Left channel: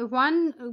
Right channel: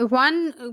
1